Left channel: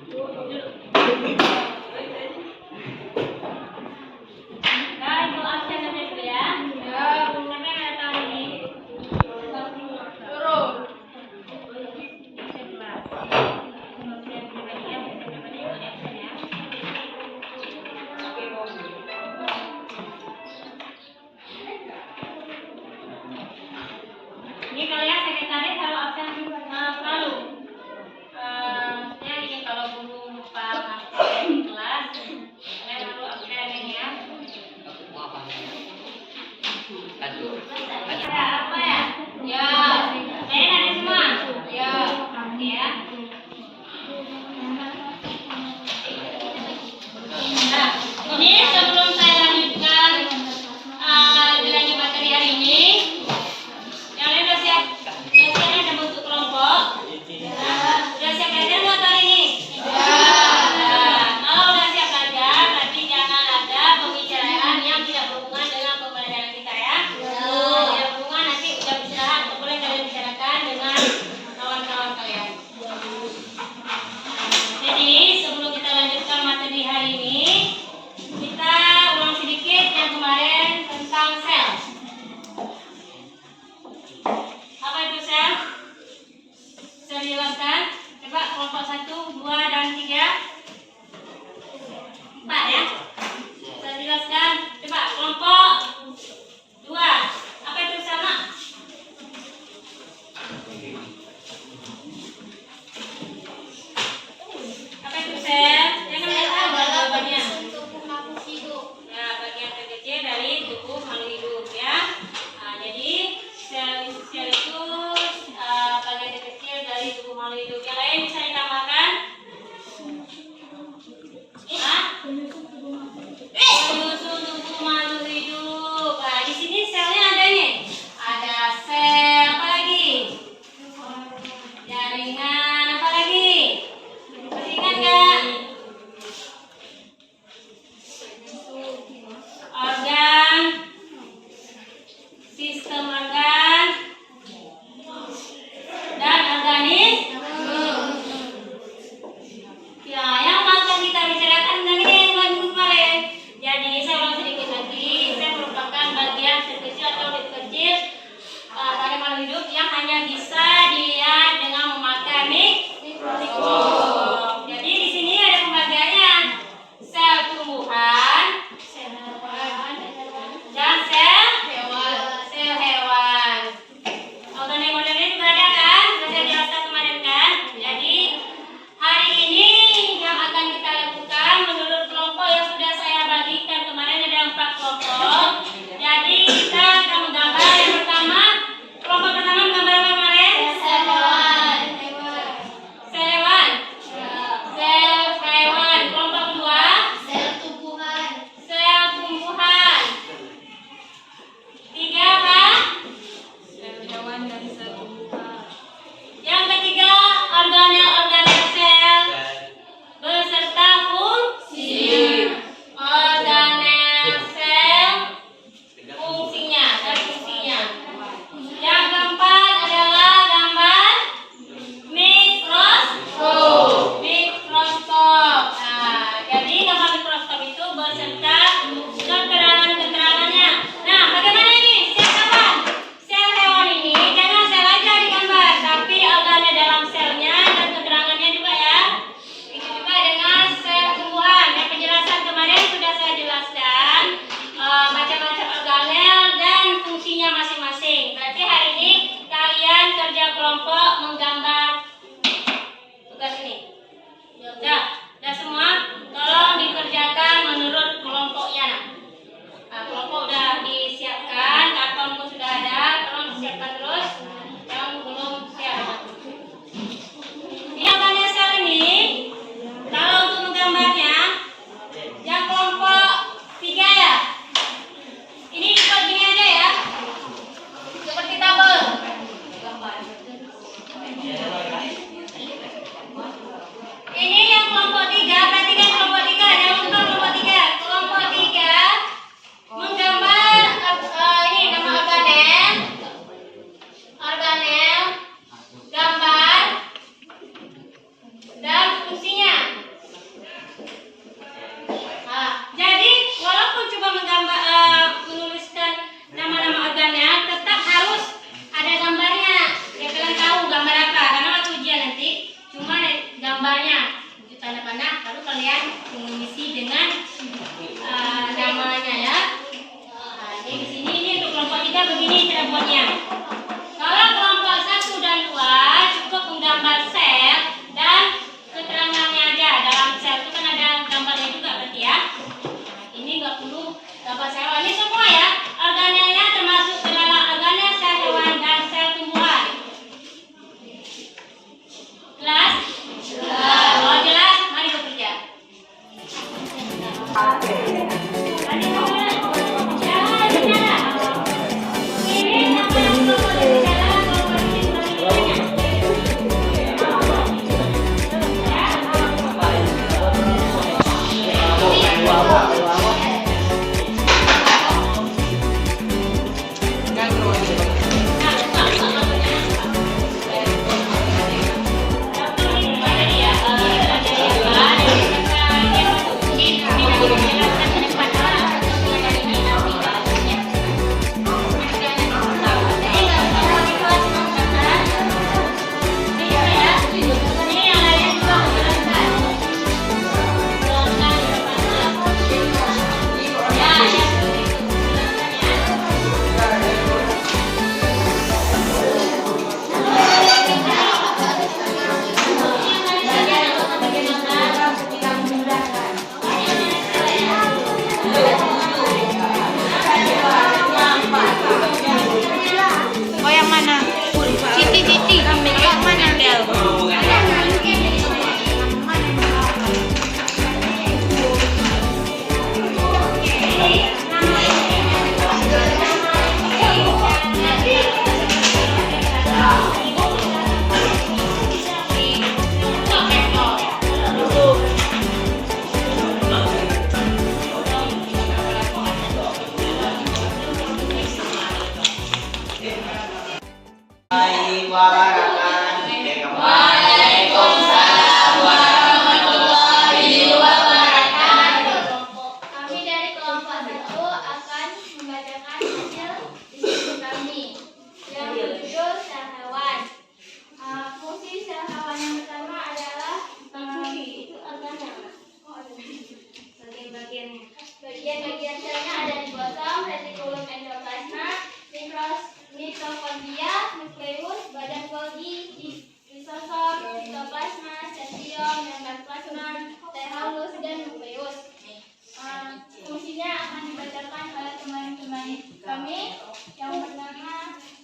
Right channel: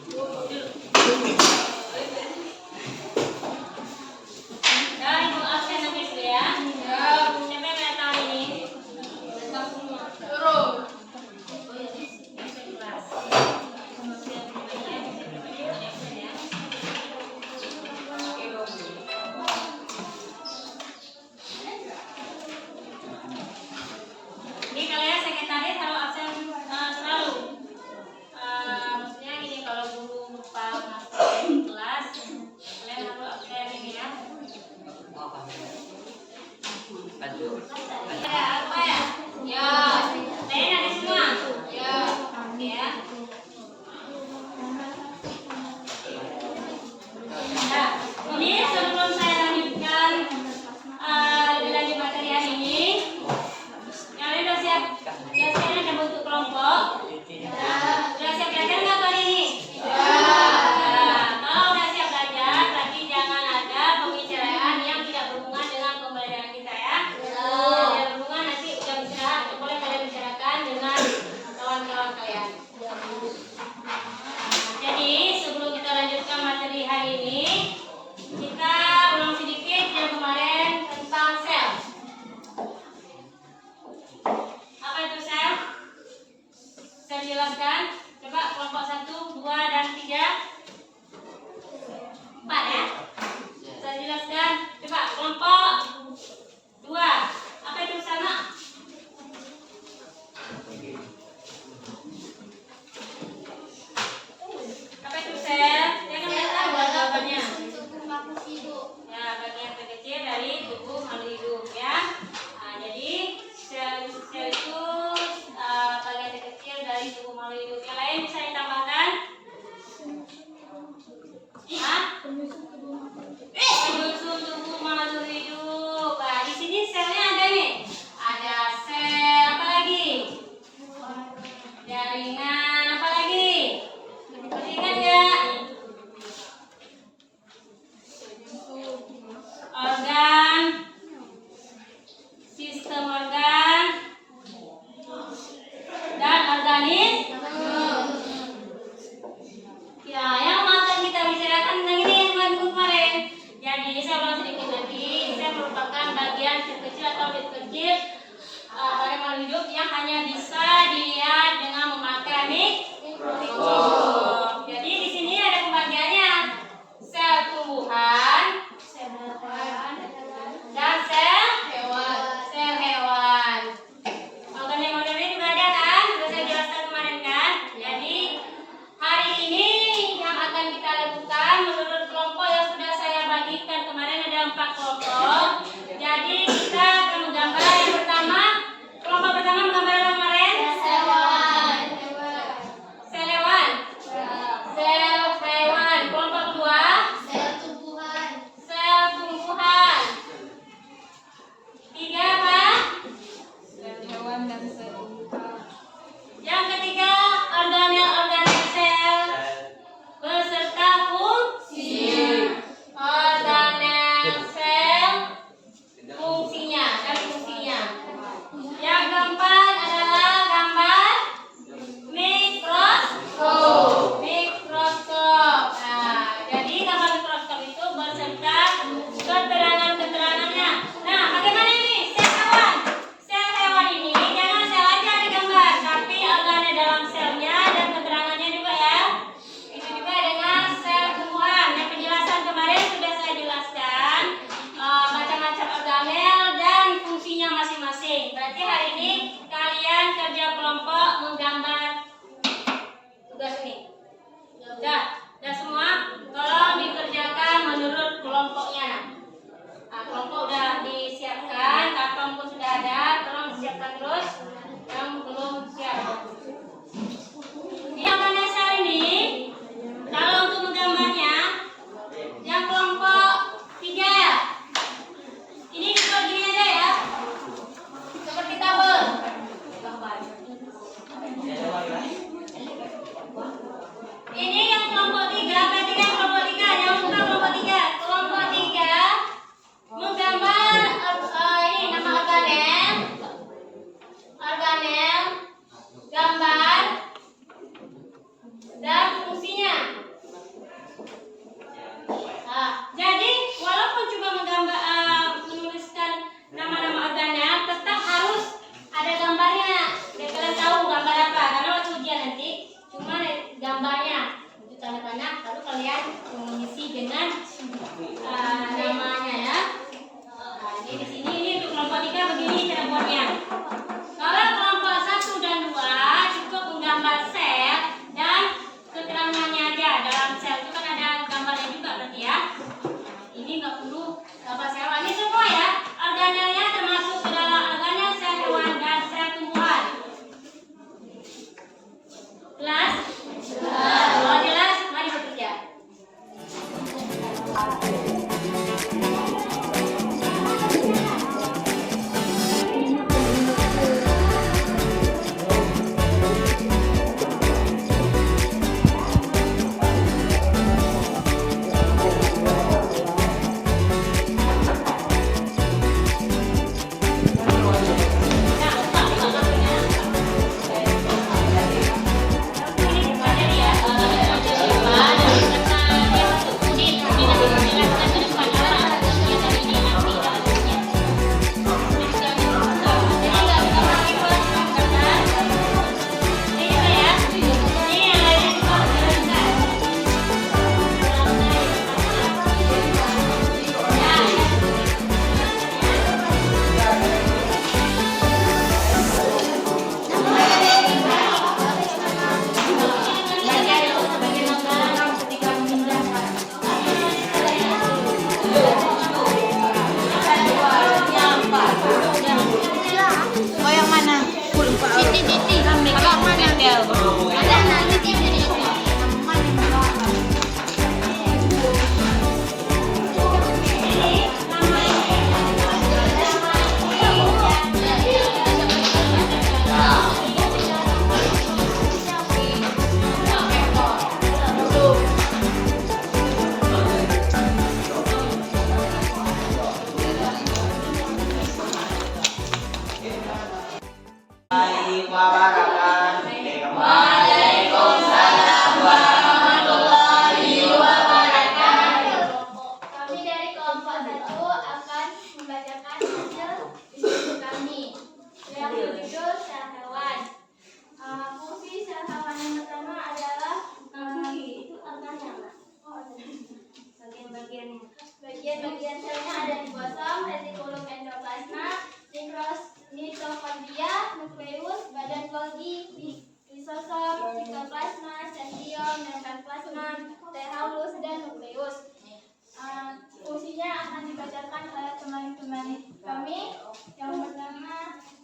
Ibu absen sampai dulu ya. Siapa yang nggak tahu ini? Ini kalian sekretaris harus absen selalu. Maksudnya ini kalau guru lupa masuk di kelas, kalian harus absen ini ya. Ada apa ya? Ya. Kalian ada semua? Ya. Ya. Nah, ini sebelum saya lanjutkan dilanjut materi hari ini, yang lain udah siap? Biasanya ada bentuk kelompok. Udah siap belajar nggak kali ini? Kalau udah siap belajar, berarti jangan ada pembicaraan yang tidak berhubungan dengan pembelajaran kita ya. Tidak berhubungan, nanti udah istirahat, boleh kalian bicarakan dengan kawan-kawan kalian. Jadi sebelum kita lanjutkan materi hari ini, kita ulang sedikit yang kemarin tentang sel. Apa itu sel? Bisa dijelaskan? Coba kelompok 1, 2, dan 3. 4 ya. Bisa dijelaskan? Coba kelompok 2. Apa itu sama? Apa itu sel? Yang kan tahu lah jawabannya. Ya, bagian terkecil dari tubuh makhluk hidup ya. Nah, jadi sel itu bagian terkecil dari tubuh makhluk hidup. Yang lain bisa ditambahkan? tehalus, dan nukleus. Fungsinya akan dibacakan oleh teman-teman kami. Yang pertama,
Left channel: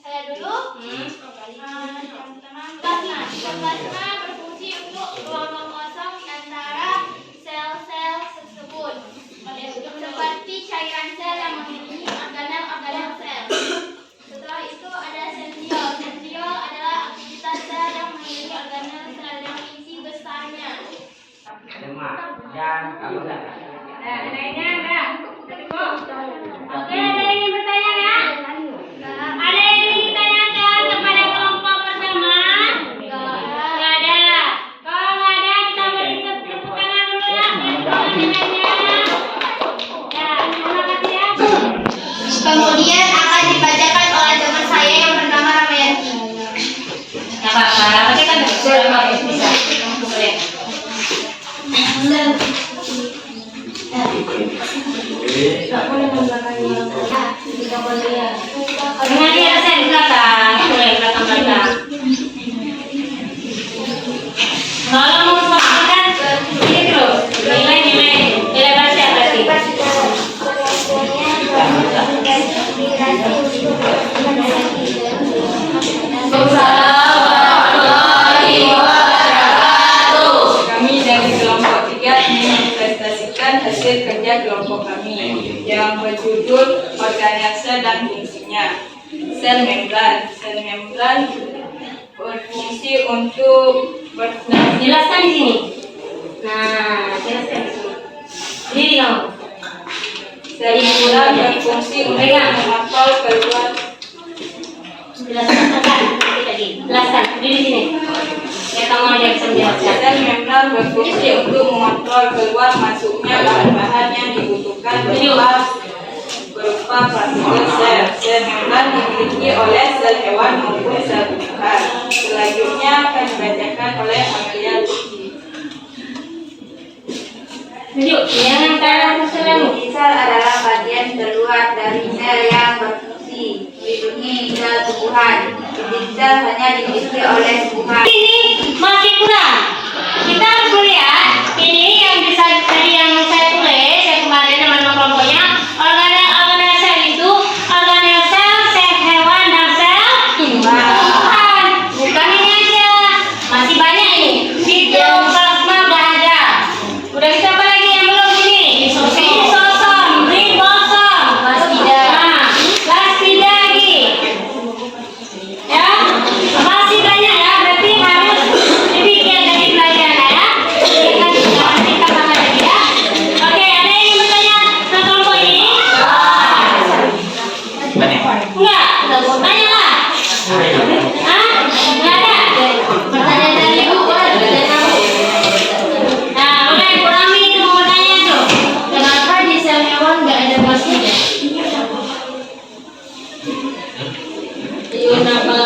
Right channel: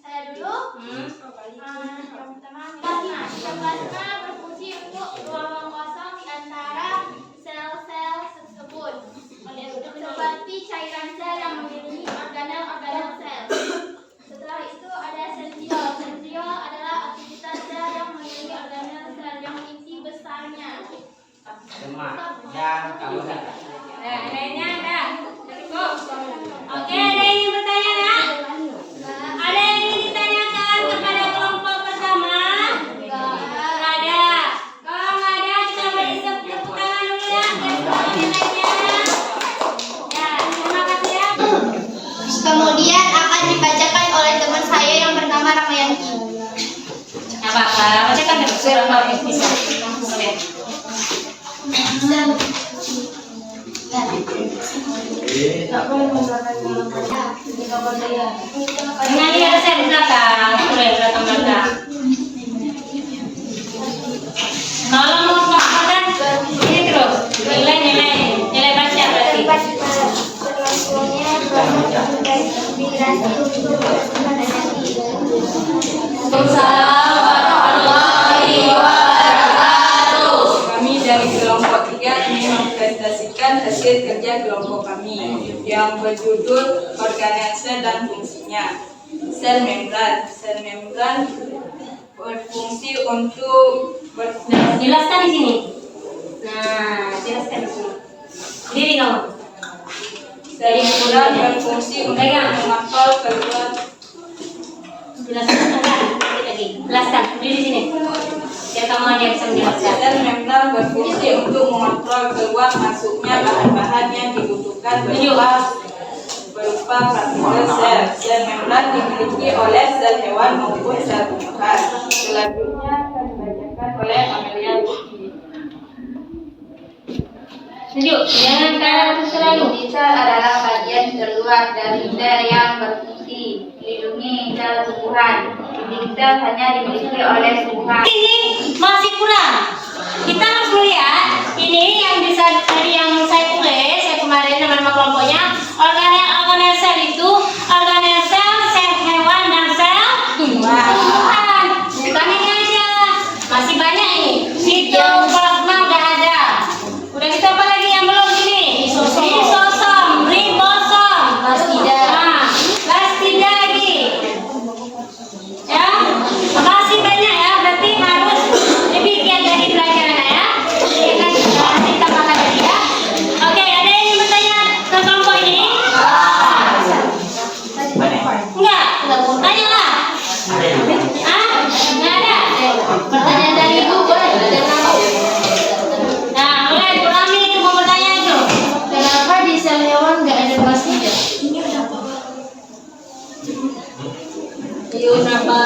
saya dulu. Yang pertama, plasma. Plasma berfungsi untuk ruang kosong di antara sel-sel tersebut. Seperti cairan sel yang mengelilingi organel-organel sel. Setelah itu ada sentriol. Sentriol adalah aktivitas sel yang mengelilingi organel sel yang isi besarnya. Nah, lainnya ada. Cukup. Oke, ada yang ingin bertanya nggak? Ada yang ingin ditanyakan kepada kelompok pertama? Nggak ada. Kalau nggak ada, kita beri tepuk tangan dulu ya. Ya, terima kasih ya. Kemudian akan dibacakan oleh teman saya yang bernama Ramayanti. Nggak apa-apa, nanti kan bisa. Boleh. Dengan ada saya di belakang, boleh belakang. Kalau mau melakukan ini terus, nilai baca berarti. Kami dari kelompok 3 ingin mempresentasikan hasil kerja kelompok kami yang berjudul organel sel dan fungsinya. Sel membran. Sel membran berfungsi untuk Jelaskan di sini. Nah, jelaskan di sini. Diri kamu. sel membran berfungsi untuk mengontrol keluar. Jelaskan lagi. Jelaskan di sini. Ya, kamu aja bisa menjelaskan. Sel membran berfungsi untuk mengontrol keluar masuknya bahan-bahan yang dibutuhkan berupa partikel sel. Sel membran dimiliki oleh sel hewan maupun sel tumbuhan. Selanjutnya akan dibacakan oleh Amelia Luki. Tunjuk, jangan kalah selalu. Sel adalah bagian terluar dari sel yang berfungsi melindungi sel tumbuhan. Dinding sel hanya dimiliki oleh tumbuhan. Ini masih kurang. Kita harus melihat ini yang bisa tadi yang saya tulis, saya kemarin teman-teman kelompoknya. Organel sel itu organel sel hewan dan sel tumbuhan. Bukan ini aja, masih banyak ini. Sitoplasma udah ada. Udah kita apa lagi yang belum ini? Lisosom, ribosom, plastida lagi. Ya, masih banyak ya. Berarti harus lebih giat dari pelajaran ya. Nanti kita bahas lagi ya. Oke, ada yang ingin bertanya tentang kelompok ini? Enggak, tanya lah. Nggak ada. Pertanyaan dari ibu. Nah, mulai Bu Rami mau bertanya itu. Kenapa di sel hewan nggak ada plastida? Kenapa?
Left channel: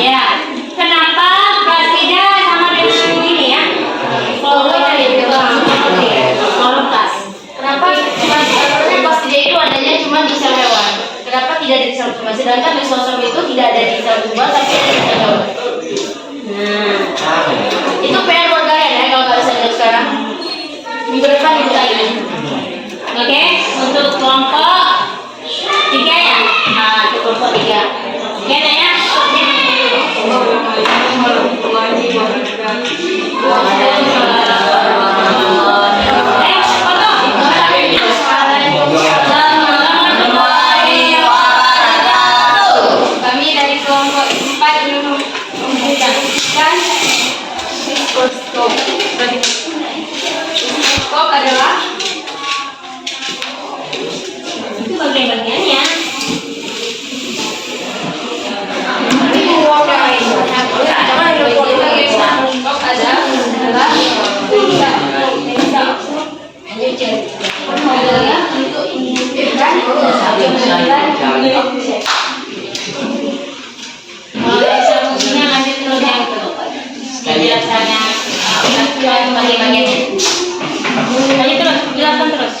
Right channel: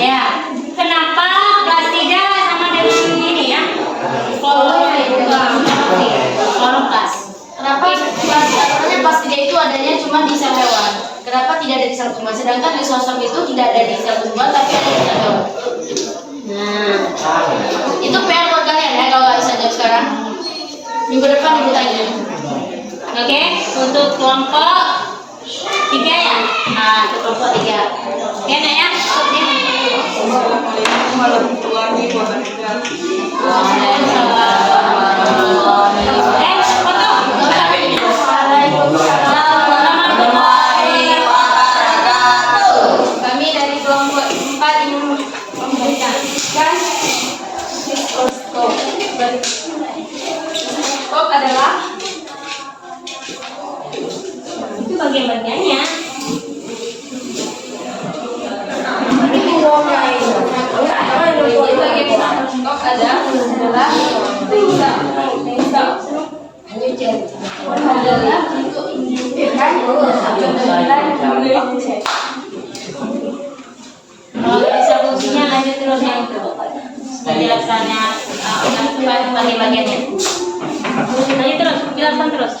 Ya, kenapa plastida sama dengan ini ya? Volumtas. Kenapa plastida itu adanya cuma di sel hewan? Kenapa tidak ada di sel tumbuhan? Sedangkan lisosom itu tidak ada di sel tumbuhan tapi ada di sel hewan. Nah, Itu PR buat kalian ya kalau nggak bisa jawab sekarang. Minggu depan ibu tanya. oke, untuk kelompok 3 ya. Untuk kelompok 3. Ya, Nak ya. Assalamualaikum warahmatullahi wabarakatuh. Kami dari kelompok 4 ingin mempresentasikan mikroskop. Mikroskop adalah Itu bagian-bagiannya. mikroskop adalah untuk menunjukkan gambaran objek. Kalau bisa fungsinya lanjut terus yang itu. Yang jelasnya bagian-bagiannya. Lanjut terus, jelaskan terus.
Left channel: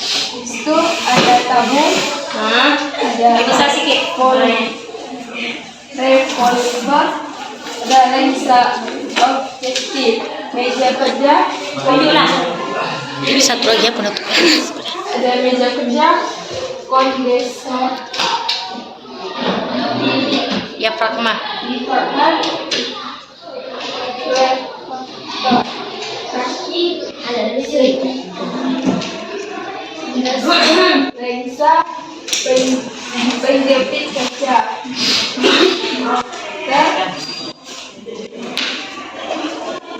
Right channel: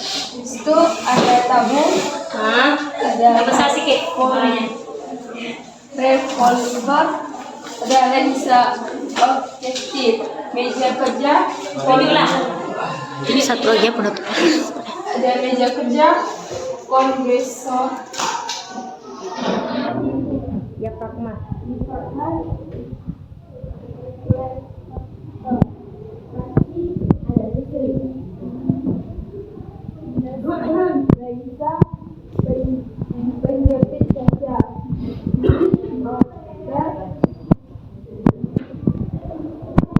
Itu ada tabung, ada Besar sedikit. revolver, ada lensa objektif. Meja kerja, Jadi satu lagi ya penutup. ada meja kerja, kondensor, Ya pragma. dipakar, kaki, lensa, penjepit kaca,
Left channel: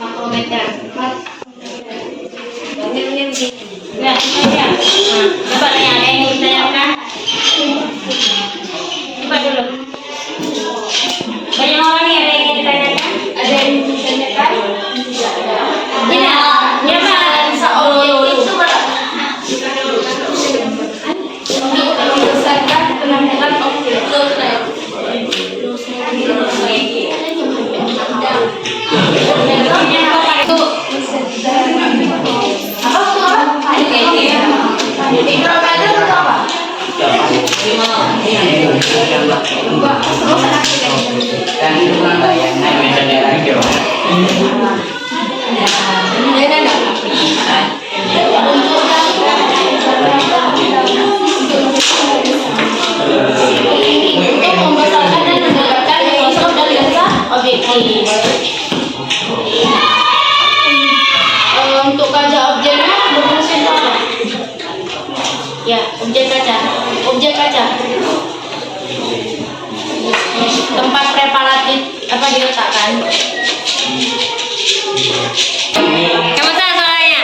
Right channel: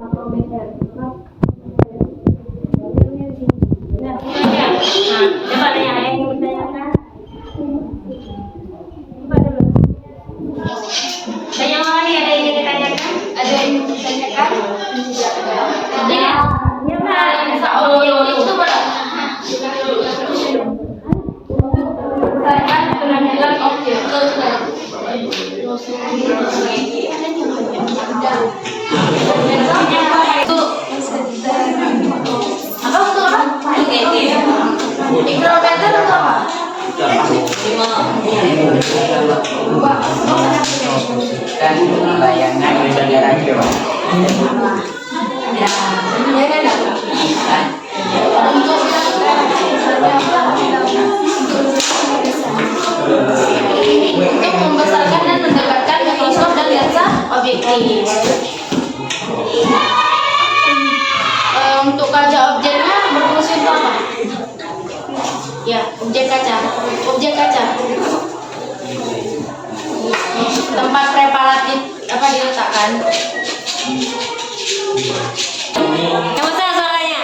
Makrometer. Ya, itu aja. Nah, coba tanya, ada yang ingin ditanyakan? Coba dulu. Banyak orang nih, ada yang ingin ditanyakan? ada yang ditanyakan? Tidak ada. Tidak. Ya, Pak. Objektif berdasarkan penampilan objek. Dan bayangan negara Untuk membesarkan dan mendekatkan mikroskop dan lensa objektif. Untuk kaca objeknya berfungsi untuk apa? Ya, objek kaca. Objek kaca. Tempat preparatif apa diletakkan? Kamu tahu soalnya?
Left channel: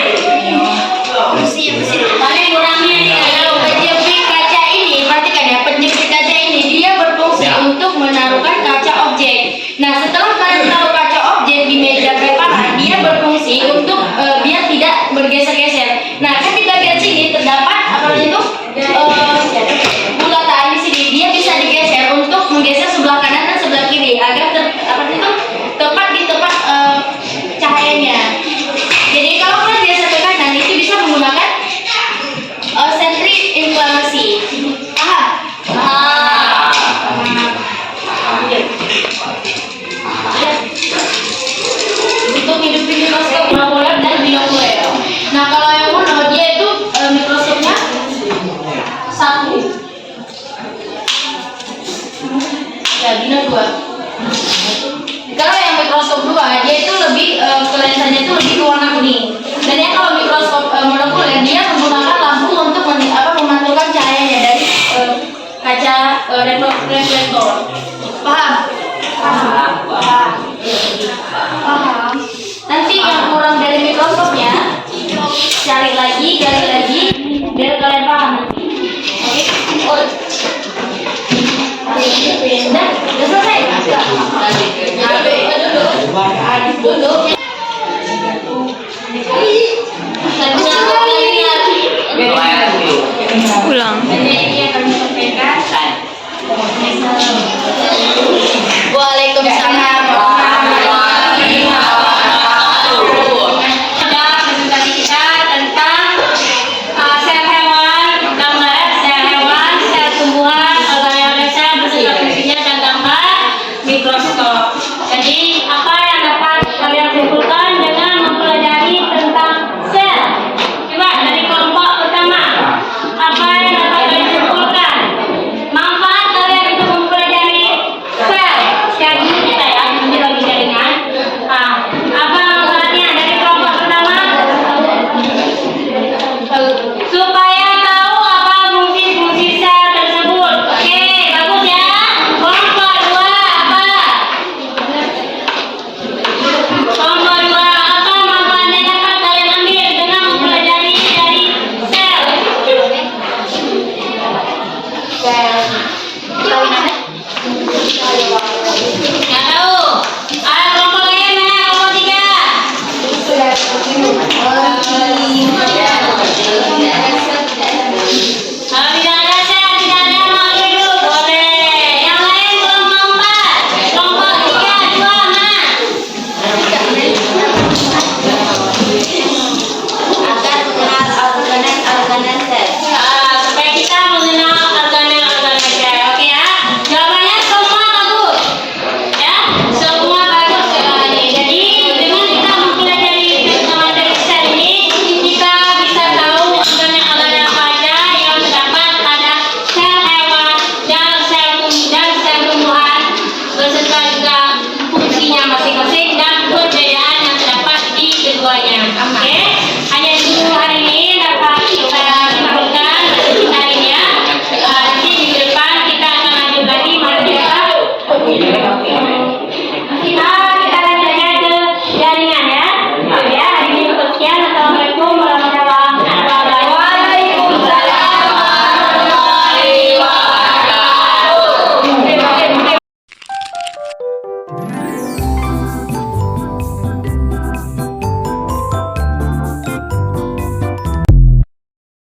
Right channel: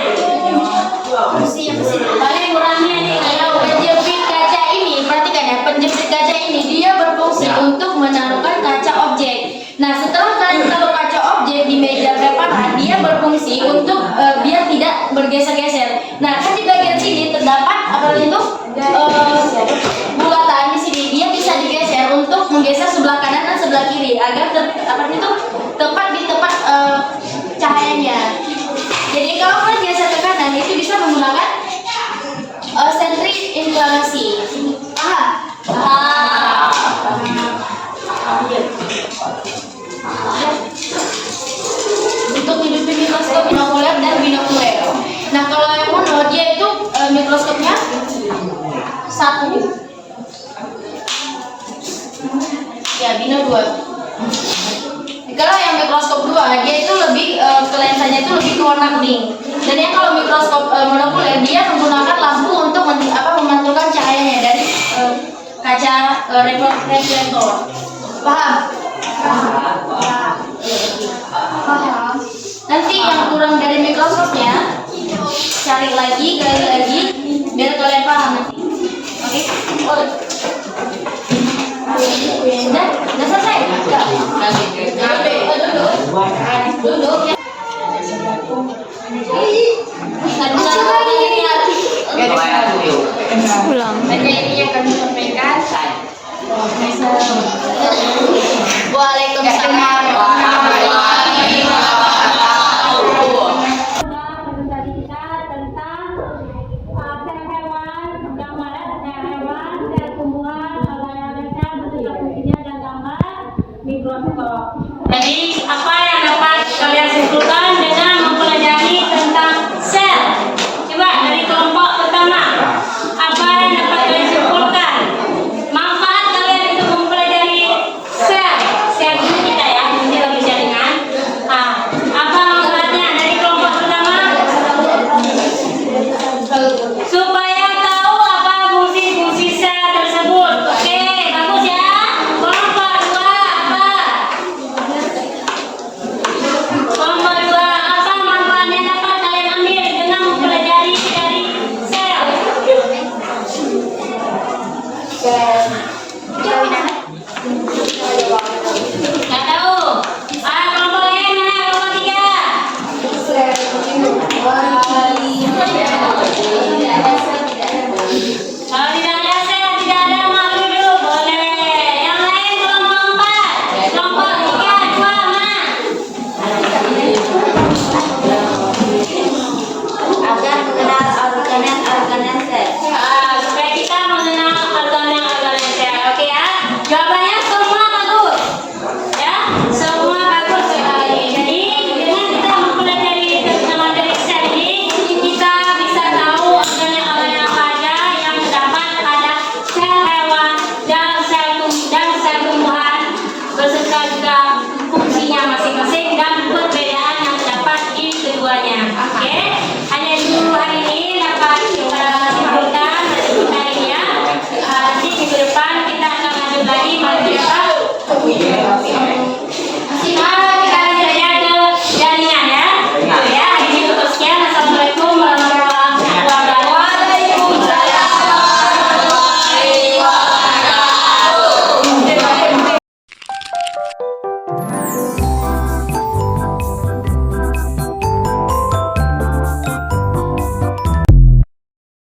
Tapi kurangnya penjepit kaca ini, perhatikan ya, penjepit kaca ini dia berfungsi untuk menaruhkan kaca objek. Nah, setelah kalian taruh kaca objek di meja preparat, dia berfungsi untuk biar tidak bergeser-geser. Nah, kan di bagian sini terdapat apa itu bulatan di sini, dia bisa digeser untuk menggeser sebelah kanan dan sebelah kiri agar tepat di tempat cahayanya. Jadi kalau kalian geser ke kanan itu bisa menggunakan sentri inklinasi. Paham? Ya. Untuk hidupin mikroskop binokuler dan binokuler. Nah, kalau yang mono dia itu mikroskopnya satu. Ya, bino dua. Kalau yang mikroskop dua dia itu lebih lensanya itu lebih ke warna kuning. Dan yang kalau mikroskop monokuler dia menggunakan lampu untuk memantulkan cahayanya dari kaca reflektor. Paham? Paham. Nanti yang kurang dari mikroskopnya cari lagi, gali lagi biar kalian paham. Oke? Udah selesai? Duduk. Ulang. Ini yang kami sampaikan. Waalaikumsalam. Ada presentasi kita tentang sel hewan, gambar sel hewan, sel tumbuhan, organelesa beserta fungsinya dan gambar mikroskop. Jadi apa yang dapat kalian simpulkan dengan mempelajari tentang sel? Coba dari kelompok pertama, apa yang dapat kalian simpulkan? Manfaat kalian untuk mempelajari sel dulu kita ya, nanti lagi jaringan. Apa manfaatnya dari kelompok pertama? Supaya tahu apa fungsi-fungsi sel tersebut. Oke, bagus ya. Kelompok dua apa? Kelompok dua apa manfaat yang dapat kalian ambil dengan mempelajari dari sel? Nggak tahu. Ada kelompok lain mana? Kelompok tiga.